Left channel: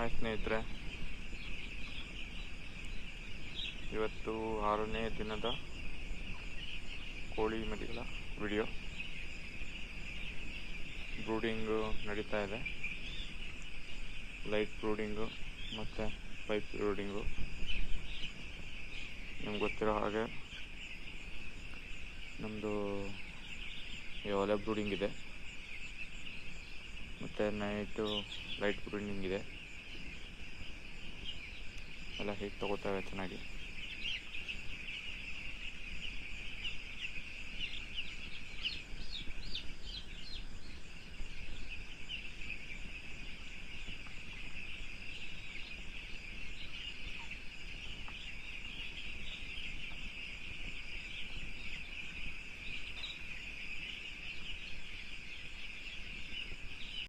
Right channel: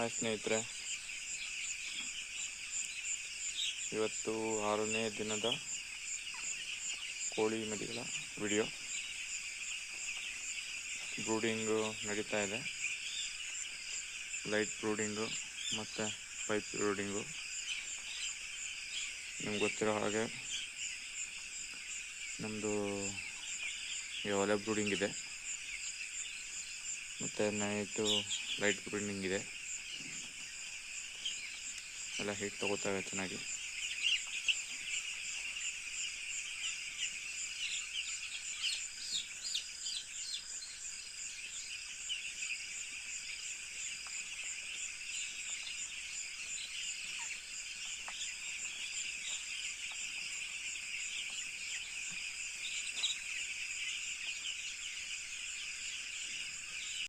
Hi ಸ್ನೇಹಿತರೆ, ಇವತ್ತು 6ನೇ ದಿನದ ಕೋಳಿ ಮರಿಗಳ ವಿಡಿಯೋ. ಬ್ರೂಡಿಂಗು ನಡೀತಾ ಇದೆ. ಲೈಟ್ ಬ್ರೂಡಿಂಗು ಮತ್ತು ಪೈಪ್ ಬ್ರೂಡಿಂಗು. ನಿಮ್ಗೆ ಗೊತ್ತಿರೋ ಹಾಗೆ ನಮ್ಮದು ಒಲೆ ಬ್ರೂಡಿಂಗ್ ಇದೆ ಮತ್ತು ನೈಟು ಲೈಟ್ ಬ್ರೂಡಿಂಗ್ ಇದೆ. ಎಲ್ಲ ಹೀಟ್ ತೊಗೋತವೆ ಚೆನ್ನಾಗಿ.